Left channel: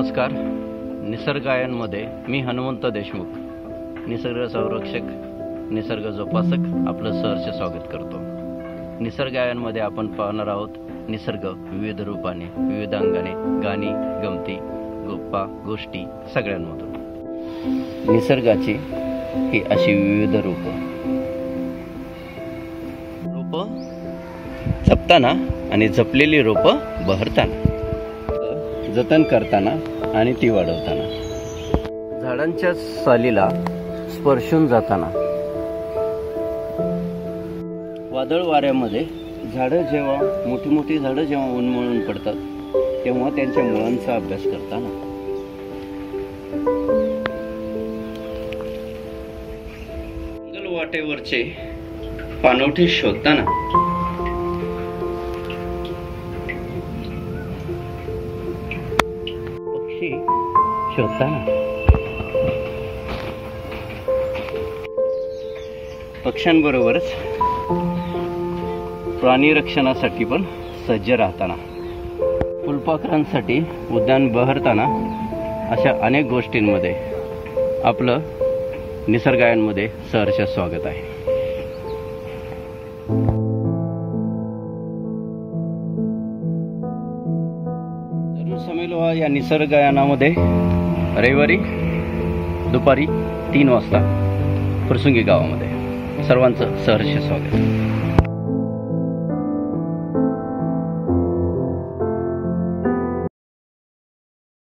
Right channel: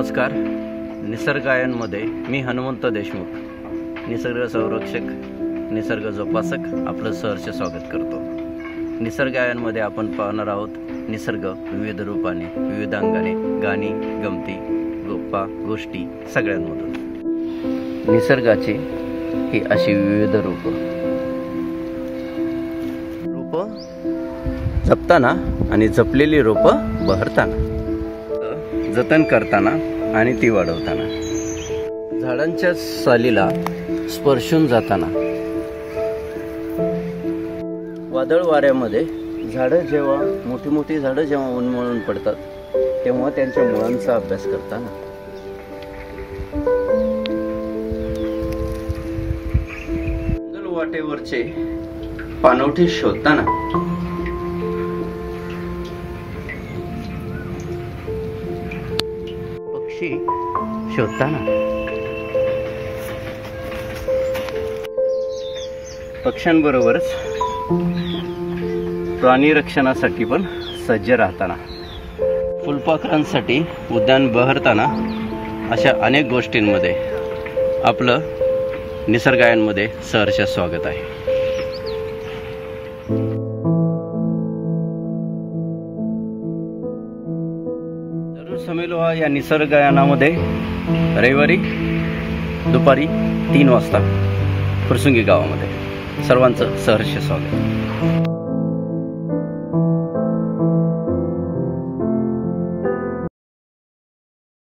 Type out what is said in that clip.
नमस्कार. निसर्गायनमध्ये मी हनुमंत देशमुख, निसर्ग संरक्षक, निसर्ग जोपासक आपलं सहर्ष स्वागत करतो. निसर्गायनमध्ये आपण पाहणार आहोत निसर्ग विविध रूपाने, विविध अंगाने, गाणी, गमती, गप्पा, गोष्टी सगळ्यांमधून. निसर्गाची ही अशी विविध रूपं जपताना आणि जपलेली रोपं बहरताना, जतन करताना आणि ती वाढवताना, झाडांच्या सालीला स्पर्शून जाताना, वादळ वाऱ्यामध्ये झाडं जेव्हा मोठी मोठी झाडं जेव्हा उन्मळून पडतात तेव्हा त्यांच्या मुळांचा अभ्यास करताना, जंगल वाटेवरचे पाणवठे शोधताना, पक्षी शोधताना, पक्ष्यांबरोबरच प्राणी रक्षणासाठी पण सज्ज राहताना, फुलपाखरांसाठी उद्यान बहरताना, अशा अनेक गोष्टींमध्ये आपलं निसर्गायनमध्ये सहर्ष स्वागत आहे. जरूर समेलो या निसर्गायनामध्ये रविवारी दुपारी 3 वाजता फुरसुंगी गावामध्ये सर्वांचं सहर्ष स्वागत.